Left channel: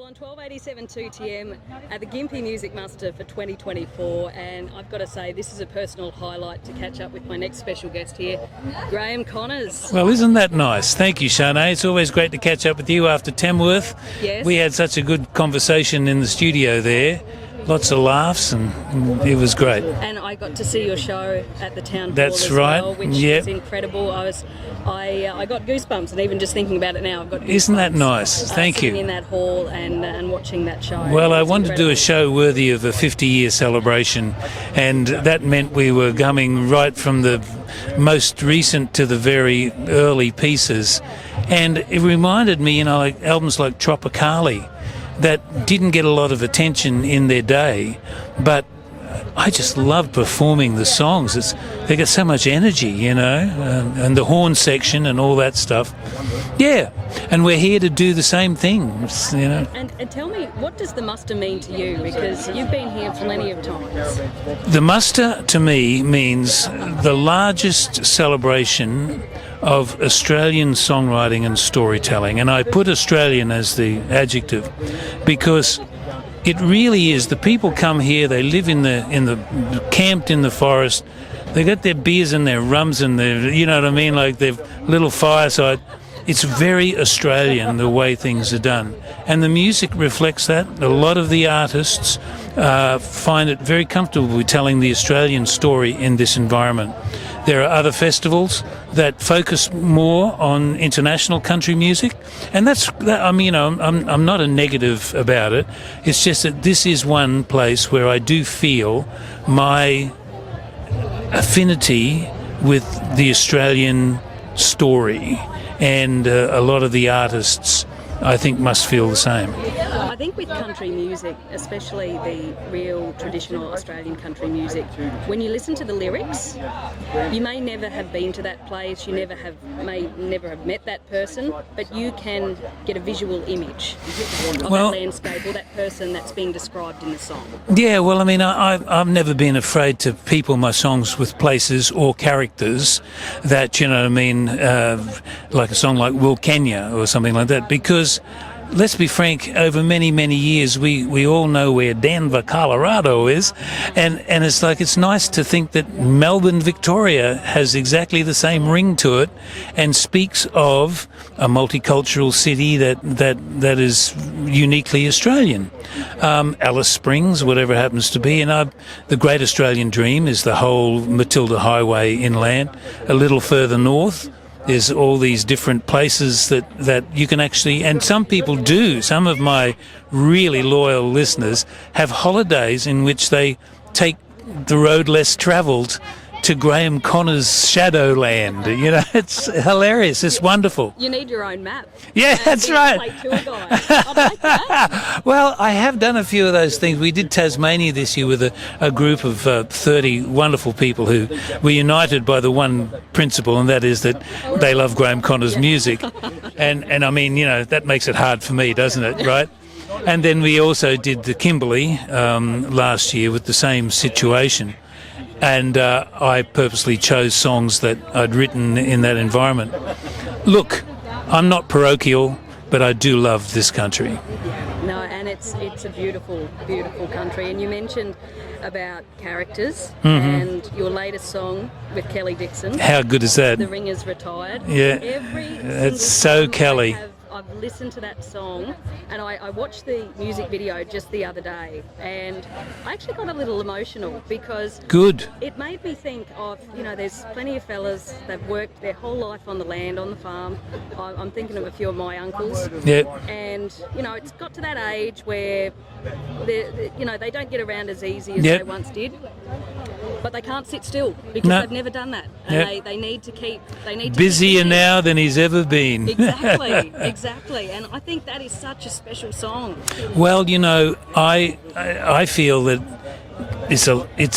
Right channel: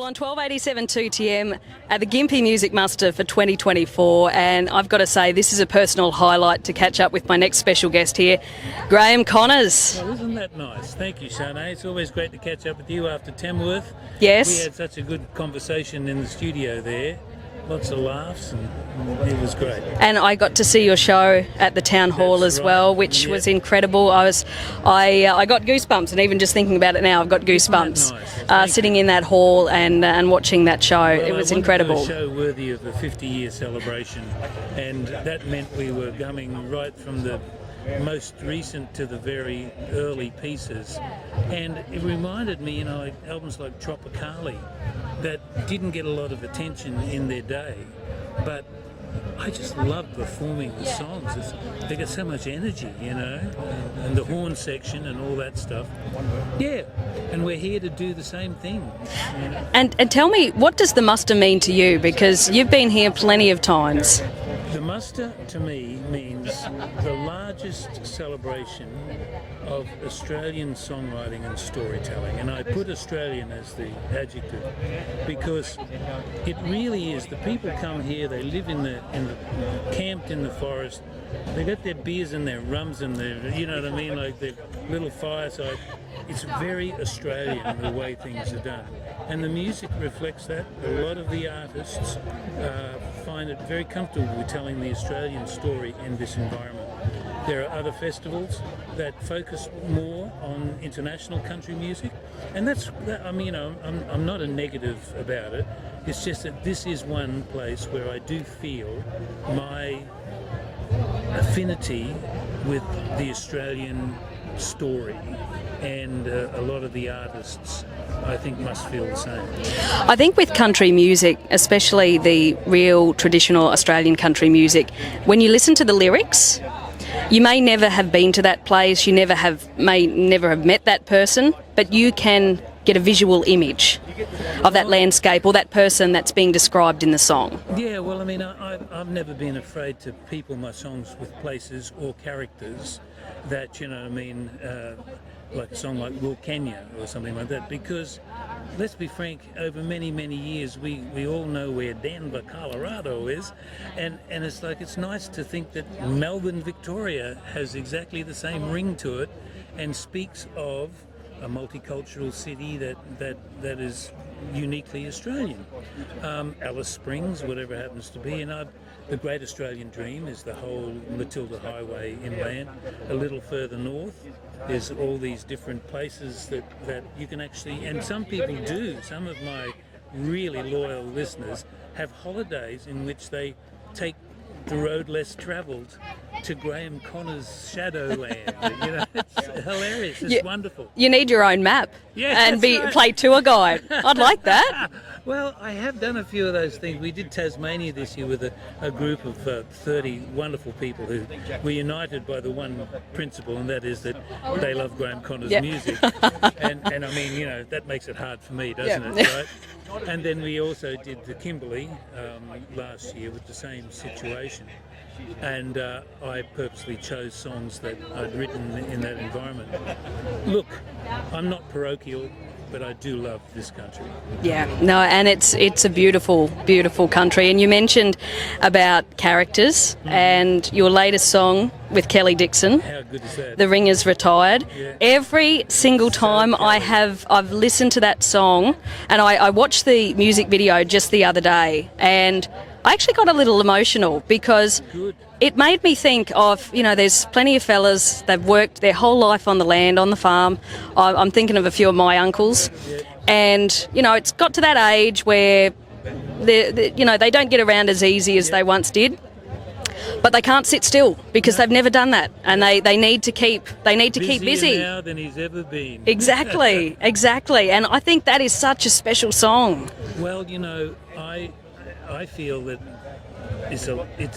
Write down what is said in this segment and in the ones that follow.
Well, on 1287 2TM at the Gympie Music Muster for 2024, and I've got to say this is a personal highlight to catch up with my next special guest here, Graeme Connors. Well, isn't that nice? Thank you, Sharnae. It's always great to catch up with you after Tamworth. Yes. We had such a good conversation in the studio there. Lots of laughs, and it was great. And I got to see your show at the town hall That's as right. well, which was incredible. I got goosebumps, and even just thinking about it now, I've got goosebumps. Isn't that nice? Thank sitting you. in that hall and watching that show. Well, it was I wanted incredible. to do a show worthy of a 50-year celebration, and that meant we were coming right from the most recent to the very early pieces. And it reminded me, like albums like Tropicali, that didn't get a lot of attention in their day, but I just loved performing the songs. They got so much energy, and the horn section and all that stuff. Yeah, and we're here to do the same thing, And tell me, what does the muster mean to you? Because you've been here plenty of times. The muster to me means the largest celebration of Australian songwriting and storytelling, and I put Australian as the adjective because it really is. The people come here, they live in the camped in the forest, they got their beers and their rums and their, like their little fireside. It's very Australian the way things are done, and the music reflects that. A lot of the artists find it very comfortable with telling the Australian story in this environment. There are other festivals that focus more on international country music, and I'm not a negative about it. It's just that this is one place where I do feel my affinity with the Australian story, and a lot of the artists, I think, must feel the same. I think with country music, especially the real traditional Australian country music, when you listen to the lyrics, you may never have been to that place, you may never have met that person, but you can get a visual image of that landscape or that person that's being described in the song. Yeah, well, I've never been afraid to people my songs with places or characters that, like a song like Will Kenya or something like that, because let's be frank, over many, many years, we all know where Denver, Colorado is, and it's nice to think that Melbourne, Victoria has exactly the same ring to it and speaks of a multicultural city that is uniquely Australian. Alice Springs, whatever it happens to be, and the Great Australian Dream is the whole Matilda Highway inland. A little further north, there's all these different places that you can actually, and some people do, some of my really loyal listeners have holidays in which they take the road less travelled to Graeme Connors' Shadowland. It's hilarious. It's wonderful. You need your own map. Yeah, and that's right. Play tour guide. I'd like that. Well, I have done a few of those things. We did Tasmania this year with a group of 30 wonderful people who were united by the one principle, and that is that they love Graeme Connors' music. And that makes it hard for me, doesn't it, right? And then we also did the Kimberley last year with the same situation. And I purposely chose songs that I'd written in that environment. Look, I'm not parochial, but I do love this country. Yeah, no, and it's a beautiful, beautiful country. And you mentioned about characters, and your latest song with Kelly Dixon. How good is that? The Ringer's Retired. Yeah. Every single so time Kelly. I've listened to that song, and I watched the music video just the other day, and I actually got a little emotional because it made me think of, there's plenty of fellas, they've worked their whole life on the land, on the farm. I'm thinking of a few of my uncles. Yeah. And, it's got to that age where, they don't get around as easy as they once did. But they can't sit still because they've never done that, and they need to keep busier now than he's ever been. Exactly, exactly, and I think that is such a special song. Well, I feel that it's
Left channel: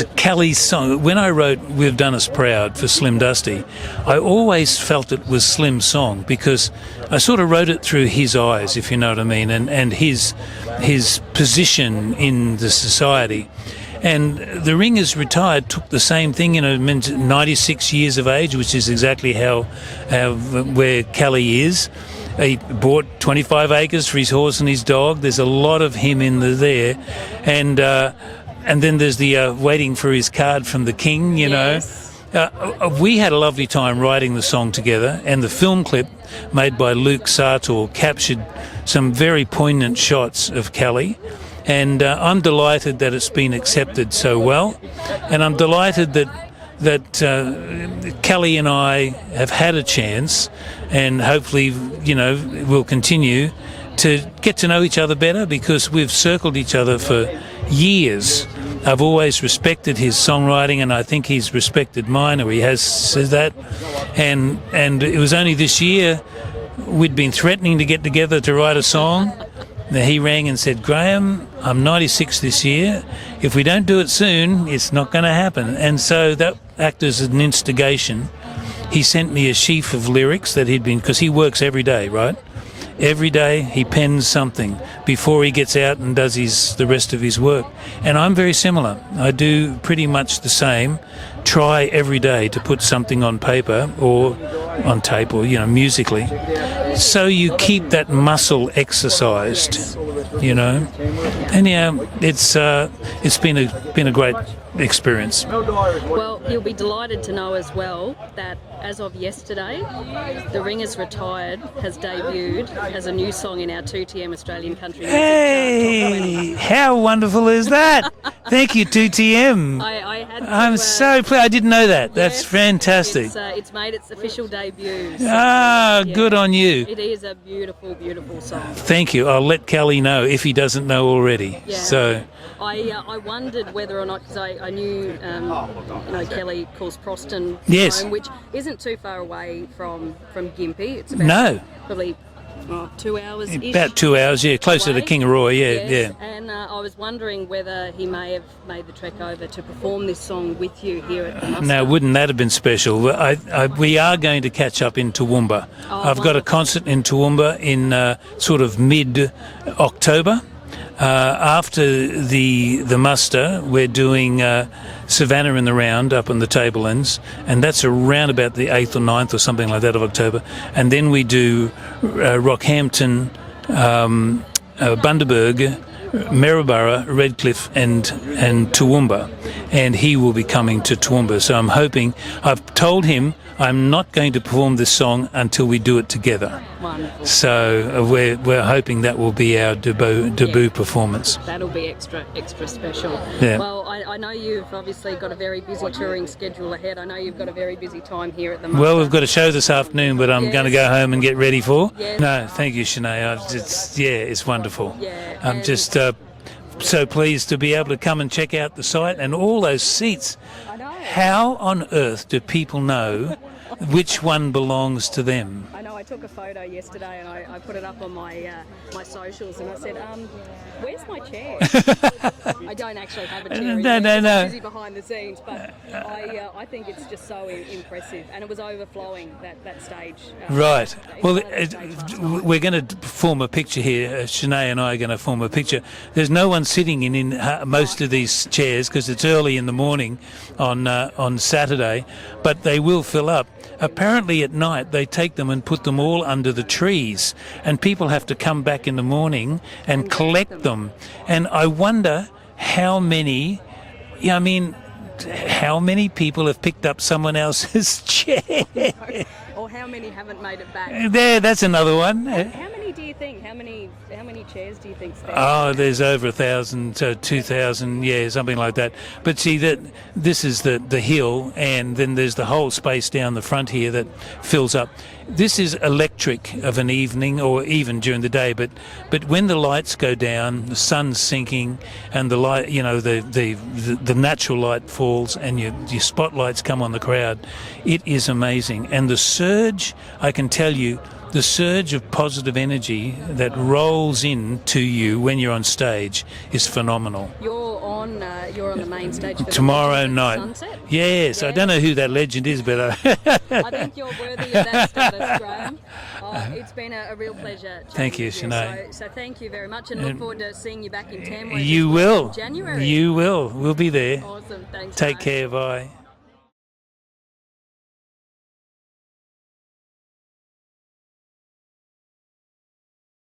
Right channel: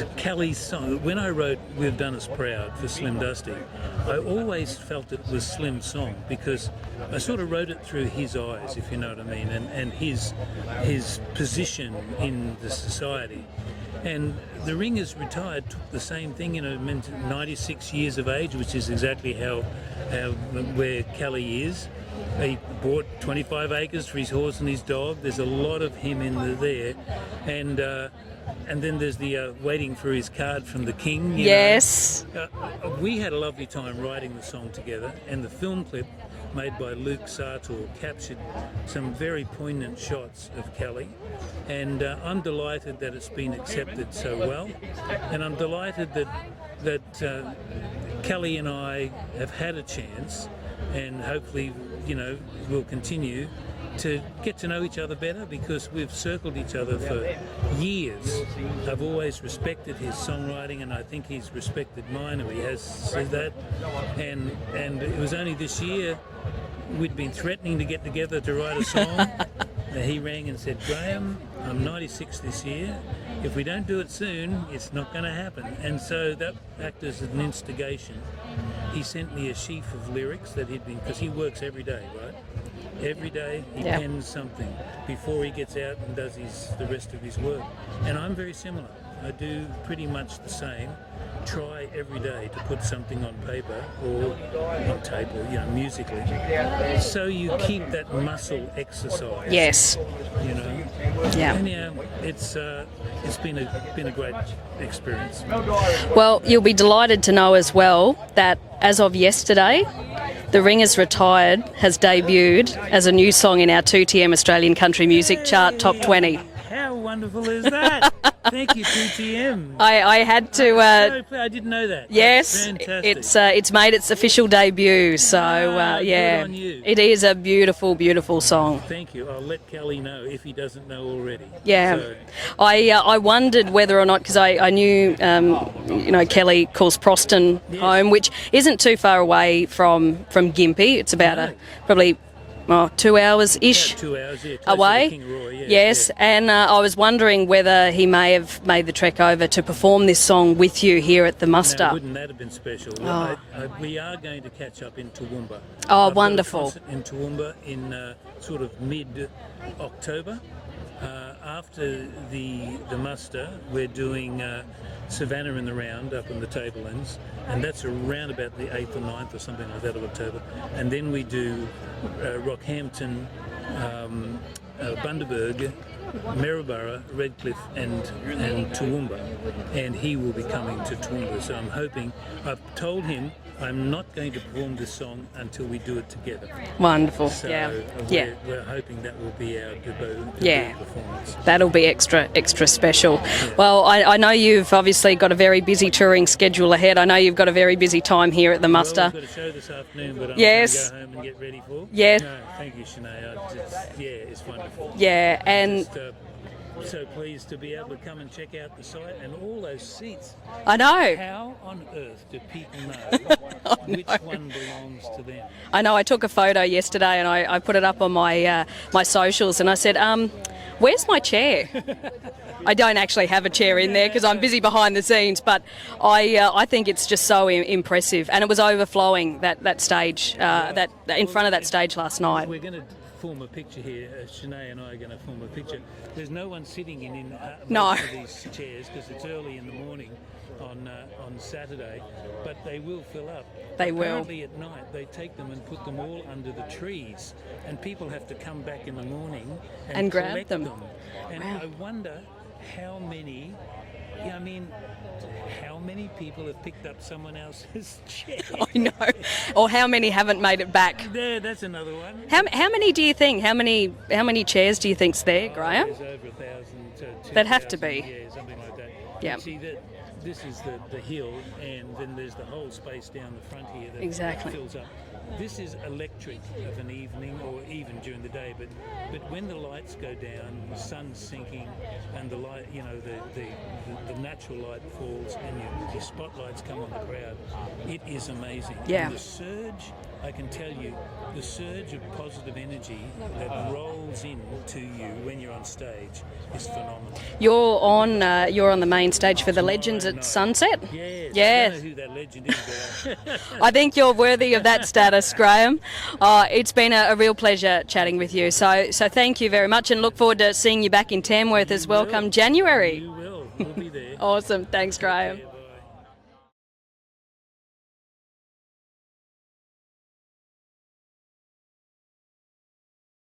a Kelly song. When I wrote "We've Done Us Proud" for Slim Dusty, I always felt it was Slim's song because I sort of wrote it through his eyes, if you know what I mean, and his position in the society. And the Ringer's Retired took the same thing, 96 years of age, which is exactly where Kelly is. he bought 25 acres for his horse and his dog. There's a lot of him in there, and then there's the waiting for his card from the king. You know, we had a lovely time writing the song together, and the film clip made by Luke Sartor captured some very poignant shots of Kelly. And I'm delighted that it's been accepted so well, and I'm delighted that Kelly and I have had a chance, and hopefully, you know, we'll continue to get to know each other better, because we've circled each other for years. I've always respected his songwriting, and I think he's respected mine, or he has said that. And it was only this year we'd been threatening to get together to write a song. He rang and said, Graeme, I'm 96 this year. If we don't do it soon, it's not going to happen. And so that acted as an instigation. He sent me a sheaf of lyrics that he'd been, because he works every day, right? Every day he pens something before he gets out and does the rest of his work. And I'm very similar. I do pretty much the same. Try every day to put something on paper or on tape, or, you know, musically, so you keep that muscle exercised. Yes. You know. Yeah. And it's been a great experience. Well, you'll be delighted to know as well that as of yesterday, The Ringer's Retired has debuted as a new song in our 2TM Australian Country Music Chart Top 20. How wonderful is that? Thank you, 2TM. I had to... I'm so pleased. I didn't know that. Yes, that's fantastic. It's made its official debut. So, good on you. It is a beautiful, beautiful song. Thank you. I'll let Kelly know if he doesn't know already. Yeah. So I wondered whether or not, because I knew, you know, Kelly calls Proston home, which isn't too far away from Gympie. It's about probably 2 hours-ish. About 2 hours, closer away. to Kingaroy, Yes, and I was wondering whether he may have made the trek over to perform this song with you here at the Muster. Now, wouldn't that have been special? We are going to catch up in Toowoomba. Oh, I've got a concert in Toowoomba in sort of mid-October. After the muster, we're doing Savannah in the Round up on the Tablelands, and that's around about the 8th or 9th or something like that of October. And then we do Rockhampton, Bundaberg, Maryborough, Redcliffe and Toowoomba, and he will be coming to Toowoomba. So I'm hoping, I've told him I'm not going to perform this song until we do it together. Wonderful. So we're hoping that will be our debut performance. That'll be extra special. Yeah. Well, I know you've obviously got a very busy touring schedule ahead. I know you've got a very busy time here at the Muster. Well, we've got a show this afternoon, but I'm going to go home and get ready for. Yes. No, thank you, Sharnae. It's wonderful. Yeah. I'm just so pleased to be able to come and check out the site and all those seats. I know. How on earth do people know which one belongs to them? I know. I took a photo yesterday and I put it up on my my socials, and I said, where's my chair? I don't actually have a chair in there because I'm busy behind the scenes, but I think it's just so impressive. And it was overflowing, that stage, right. in front of that stage last night. We're going to form a picture here. Sharnae and I are going to form a picture. There's no one sitting in most of these chairs because it's early in the morning on Saturday, but they will fill up. Apparently at night they take them and put them all under the trees, and people have to come back in the morning and collect them. And I wonder how many, how many people have picked up someone else's chair? I know. Or how many haven't made it back? That's another one. How many do you think? How many chairs do you think's there? Oh, there's over 1,000, 2,000, something like that. But see, this is the hill, and then there's the whole space down the front here that fills up. This is electric of an evening, or even during the day. But when the lights go down, the sun's sinking, and the light, the natural light falls, and your spotlights come on the crowd. It is amazing, and the surge, I can tell you. The surge of positive energy that rolls in to you when you're on stage is phenomenal. You're on the main stage for Tomorrow the Legends night. at Sunset? Yes, I don't know who that legend is, but I think you're worthy of that status, Graeme. It's been a real pleasure chatting with you. So thank you very much, and look forward to seeing you back in Tamworth as well come January. You will. We'll be there. Awesome. Thanks, Take Graeme. care. Bye.